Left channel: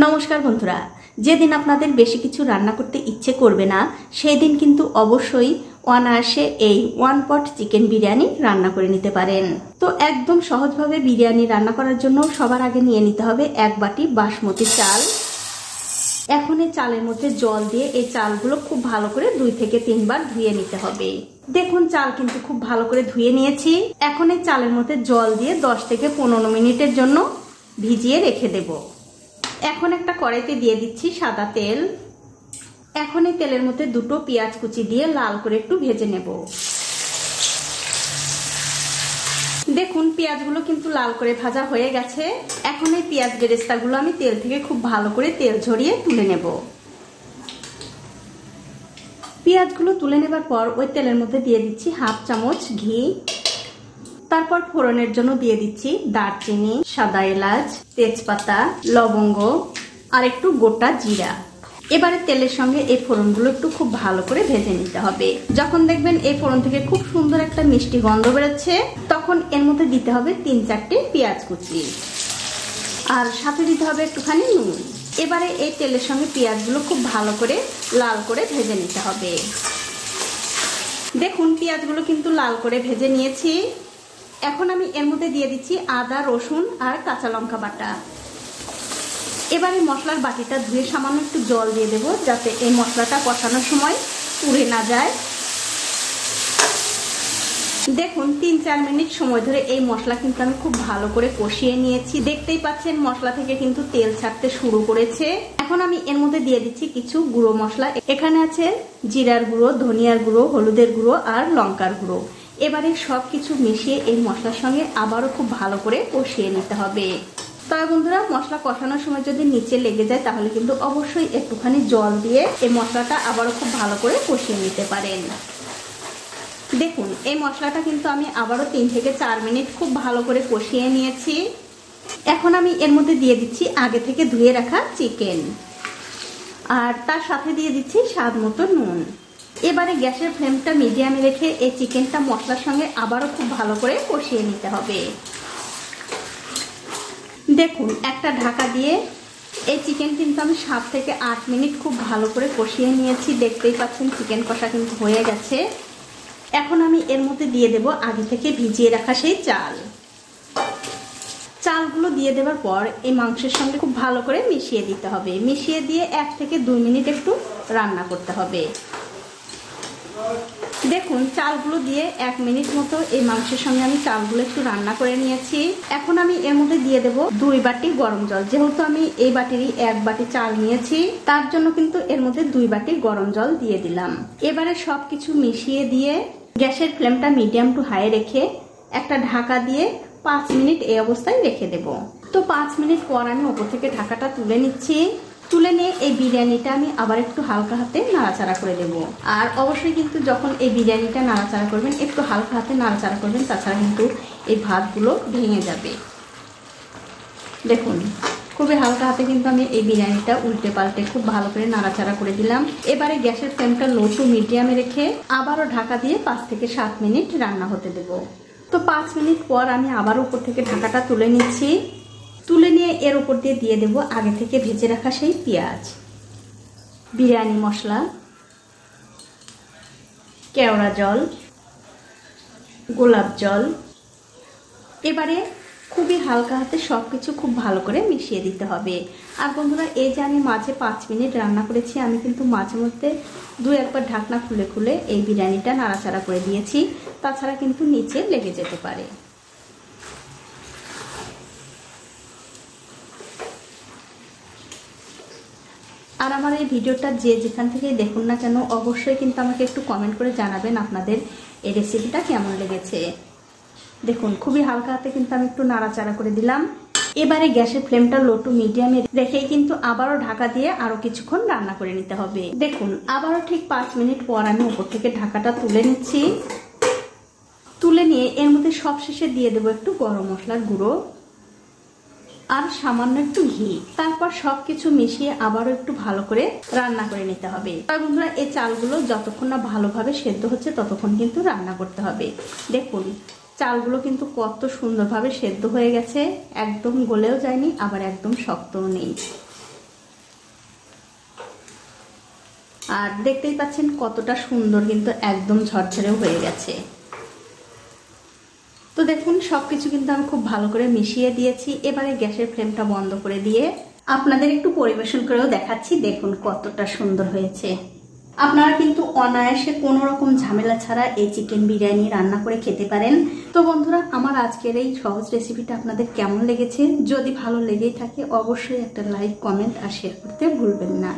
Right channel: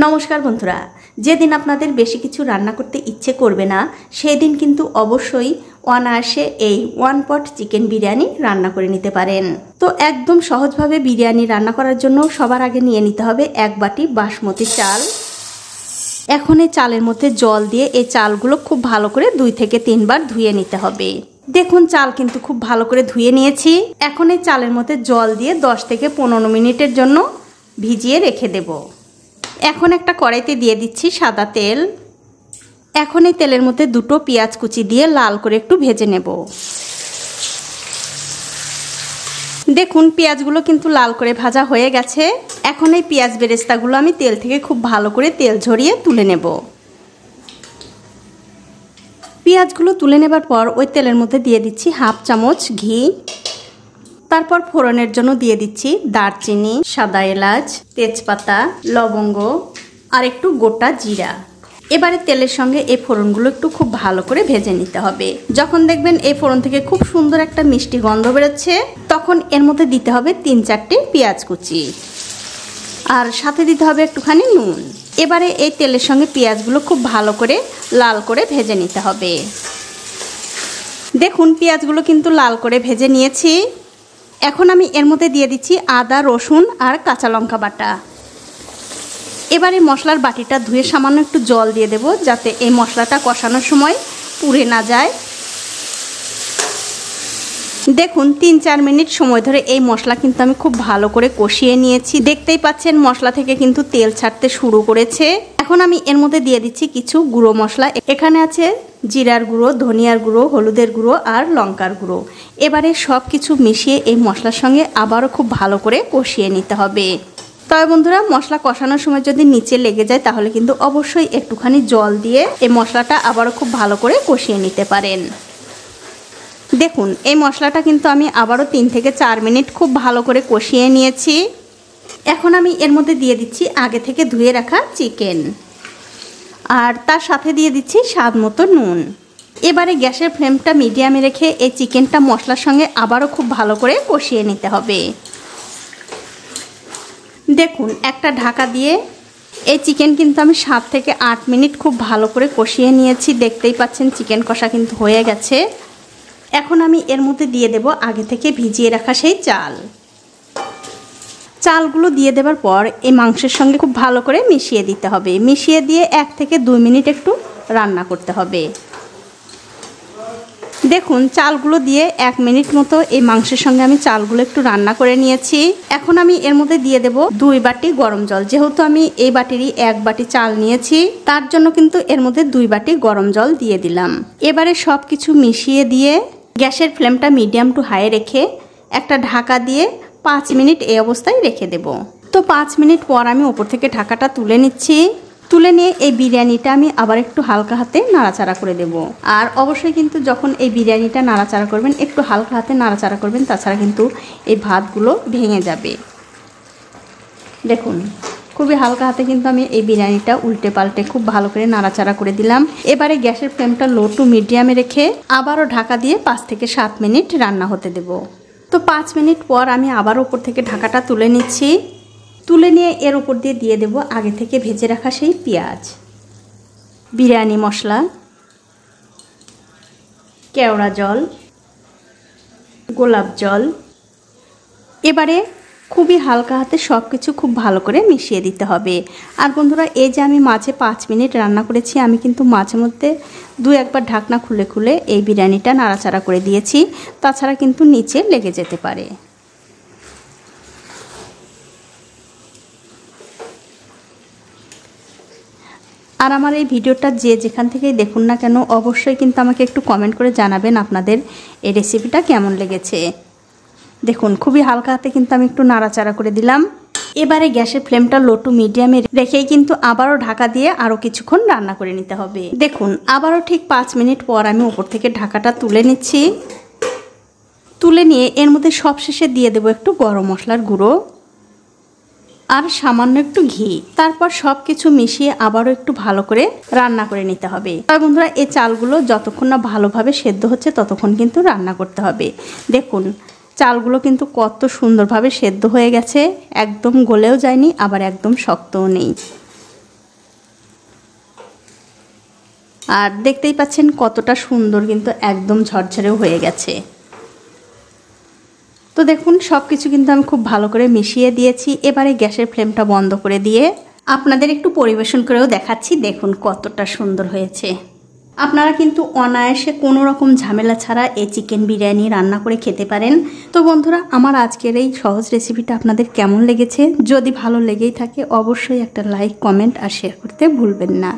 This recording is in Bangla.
नमस्कार बंधुरा जेदिन आपनादेर बेशी किछु रान्ना करते इच्छे करबे ना सेई दिन किन्तु अवश्यई अनायासे এই ওয়ান পট চিকেন বিরিয়ানি রান্না করে নিতে পারেন। তো একদম সহজভাবে বিরিয়ানি রান্না করার জন্য সবার আগে নিয়ে নিতে হবে এক বাটি বাসমতি চাল। এখন এই চালের মধ্যে জল দিয়ে এই চালগুলো খুব ভালো করে 2 থেকে 3 বার ধুয়ে নিতে হবে। দেখুন চাল কিন্তু খুব ভালো করে ধুয়ে নিয়েছি। এখন এই চালের মধ্যে জল দিয়ে 10 থেকে 15 মিনিটের জন্য ভিজিয়ে রেখে দেব। এখন একটা কড়াইতে দিয়ে দিচ্ছি সাদা তেল। এখন এই তেলের মধ্যে দুটো পেঁয়াজ কুচি দিয়ে লাল করে একটু ভেজে নেব। দেখুন পেঁয়াজগুলো কিন্তু লাল করে ভাজা হয়ে গেছে। এখন এই পেঁয়াজ বেরেস্তাগুলো আমি তেল থেকে খুব ভালো করে তেল ঝরিয়ে তুলে নেব। পেঁয়াজগুলো তুলে নেবার পর ওই তেলের মধ্যে দিয়ে দিচ্ছি হাফ চামচ ঘি। তারপর ফোড়নের জন্য দিয়ে দিচ্ছি দারচিনি, সাদা এলাচ, তেজপাতা, লবঙ্গ আর একটু গোটা জিরা। এবারে তেলের সঙ্গে এই ফোড়নগুলো একটু খুব ভালো করে ভেজে নিতে হবে। যখন দেখবেন এই ফোড়ন থেকে খুব সুন্দর একটা মিষ্টি গন্ধ বেরোচ্ছে তখন এর মধ্যে দিতে হবে 3-4টে পেঁয়াজ কুচি আর সাথে দিতে হবে একটুখানি নুন। এবারে এই তেলের সঙ্গে পেঁয়াজগুলো খুব ভালো করে লাল করে ভেজে নিতে হবে। দেখুন পেঁয়াজগুলো কিন্তু লাল করে ভেজে নিয়েছি। এখন আমি এর মধ্যে দিয়ে দিচ্ছি আদা, রসুন আর কাঁচা লঙ্কা বাটা। এবারে মশলার বাটিটা ধুয়ে সামান্য একটু জল দিয়ে দেব যাতে এই মশলাটা কষানোর সময় পুড়ে না যায়। দেখুন 3-4 মিনিট সময় ধরে এই মশলা কিন্তু আমি খুব ভালো করে কষিয়ে নিয়েছি। দেখতেই পাচ্ছেন মশলা থেকে কিন্তু তেল ছাড়তে শুরু করেছে। এখন আমি এর মধ্যে দিয়ে দিচ্ছি কিছু গুঁড়ো মশলা। এখানে আছে জিরার গুঁড়ো, ধনিয়ার গুঁড়ো, হলুদের গুঁড়ো আর লঙ্কার গুঁড়ো। এবারে সব কিছু মিশিয়ে এই মশলার সঙ্গে আবারও খুব ভালো করে কষিয়ে নিতে হবে। তবে বন্ধুরা মশলা কষানোর সময় যদি নিচে লেগে যায় তাহলে কিন্তু অবশ্যই একটুখানি জল দিয়ে এই মশলাটা আবারও খুব ভালো করে কষিয়ে নিতে পারেন। দেখুন এই মশলাটা কিন্তু আমি আবারও 3 থেকে 4 মিনিট খুব ভালো করে কষিয়ে নিয়েছি। এখন আমি এর মধ্যে দিয়ে দিচ্ছি আগে থেকে ধুয়ে রাখা চিকেন আর তার সাথে দিয়ে দিচ্ছি স্বাদ মতো নুন। এবারে গ্যাসের ফ্লেমটা মিডিয়ামে রেখে এই চিকেনটা মশলার সঙ্গে আবারও খুব ভালো করে কষিয়ে নিতে হবে। দেখুন একটা ঢাকা দিয়ে এই চিকেন কিন্তু আমি 7 থেকে 8 মিনিট খুব ভালো করে কষিয়ে নিয়েছি। দেখতেই পাচ্ছেন চিকেন কষা কিন্তু হয়ে গেছে। এখন আমি এর মধ্যে দিয়ে দেব আগে থেকে ভিজিয়ে রাখা সেই চাল। চালগুলো দিয়ে দেওয়ার পর এই মাংসের সঙ্গে খুব ভালো করে মিশিয়ে দিতে হবে। মিশিয়ে দিয়ে 1 থেকে 2 মিনিট একটু রান্না করতে হবে। দেখুন চালগুলো দিয়ে 1 মিনিট মতো এই মাংসের সঙ্গে আমি চালগুলো একটু রান্না করে নিয়েছি। এখন আমি এর মধ্যে দিয়ে দেব 2 বাটি গরম জল। যেহেতু আমি এই বাটিরই 1 বাটি চাল নিয়েছি তার জন্য কিন্তু এর মধ্যে 2 বাটি গরম জল দিয়ে দিলাম। এবারে সব কিছু মিশিয়ে দিয়ে গ্যাসের ফ্লেমটা মিডিয়াম টু হাই রেখে একটা ঢাকা দিয়ে 5 মিনিট এই অবস্থায় রেখে দেব। তো 5 মিনিট পর আমি উপর থেকে ঢাকাটা তুলে নিচ্ছি। তুলে নিয়ে এই বিরিয়ানিটা আমি আবার একটু হালকা হাতে নাড়াচাড়া করে দেব। আর অবশ্যই কিন্তু যখন এই বিরিয়ানিটা নাড়াচাড়া করবেন একটু হালকা হাতে নাড়াচাড়া করবেন, তাছাড়া কিন্তু এই ভাতগুলো ভেঙে যাবে। দেখুন খুবই হালকা হাতে কিন্তু আমি এই বিরিয়ানিটা উল্টে পাল্টে খুব ভালো করে নাড়াচাড়া করে দিলাম। এবারে গ্যাসের ফ্লেমটা লো টু মিডিয়ামে রেখে আবারও ঢাকা দিয়ে 5 থেকে 7 মিনিট রান্না হতে দেব। তো 5 মিনিট পর আমি আবার উপর থেকে ঢাকাটা তুলে নিচ্ছি। তুলে নিয়ে এর উপর দিয়ে দেব আগে থেকে ভেজে রাখা সেই পেঁয়াজ, বিরিয়ানি মশলা, কেওড়া জল, গোলাপ জল। এবারে খুবই হালকা হাতে সব কিছু খুব ভালো করে মিশিয়ে দিতে হবে। আর বন্ধুরা এই যে আমি মাঝে 5 মিনিট রান্না করেছি আমি কিন্তু মাঝে মধ্যে 2-1 বার ঢাকনা খুলে খুলে এই বিরিয়ানিটা নাড়াচাড়া করে দিয়েছি, তাছাড়া কিন্তু নিচে লেগে যেতে পারে। আর আমার এই ভিডিওটা যে যেখান থেকেই দেখুন না কেন অবশ্যই কিন্তু আমাকে একটু কমেন্ট করে জানাবেন আপনাদের এই রেসিপিটা কেমন লেগেছে। দেখুন খুবই হালকা হাতে কিন্তু আমি একটু নাড়াচাড়া করে দিলাম। এবারে গ্যাসের ফ্লেমটা লো টু মিডিয়ামে রেখেই কিন্তু আবারও ঢাকা দিয়ে আরও কিছুক্ষণ রান্না করে নিতে হবে। দেখুন আবারও ঠিক 5 মিনিট পর আমি উপর থেকে ঢাকাটা তুলে নিচ্ছি। তুলে নিয়ে এর মধ্যে সবশেষে দিয়ে দেবো একটু গরম মশলার গুঁড়ো আর সামান্য একটু ঘি। তারপর সব কিছু মিশিয়ে আবারও একটু ভালো করে রান্না করে নিতে হবে। আর বন্ধুরা এই চালগুলো যতক্ষণ না ভালোভাবে সেদ্ধ হচ্ছে ততক্ষণ কিন্তু রান্না করতে হবে। দেখুন চালগুলো কিন্তু কত সুন্দরভাবে সেদ্ধ হয়ে গেছে, একদম গলেও যায়নি আবার একদম শক্তও নেই। আর দেখতেই পাচ্ছেন কতটা সুন্দর, কিন্তু একদম ঝরঝরেও হয়ে গেছে। তো দেখুন সব কিছু কিন্তু আমি খুব ভালো করে মিশিয়ে দিয়েছি। এবারে গ্যাসের ফ্লেমটা বন্ধ করে দিয়ে আপনাদের একটু পরিবেশন করেও দেখাচ্ছি। দেখুন কতটা সুন্দর হয়েছে। আপনারা কিন্তু অনায়াসে কোনো রকম ঝামেলা ছাড়া এই চিকেন বিরিয়ানি রান্না করে খেতে পারেন। তো বন্ধুরা, আমার আজকের এই সহজ রেসিপিটা আপনাদের কেমন লেগেছে? যদি ভালো লেগেই থাকে অবশ্যই একটা লাইক, কমেন্ট আর শেয়ার করতে ভুলবেন না।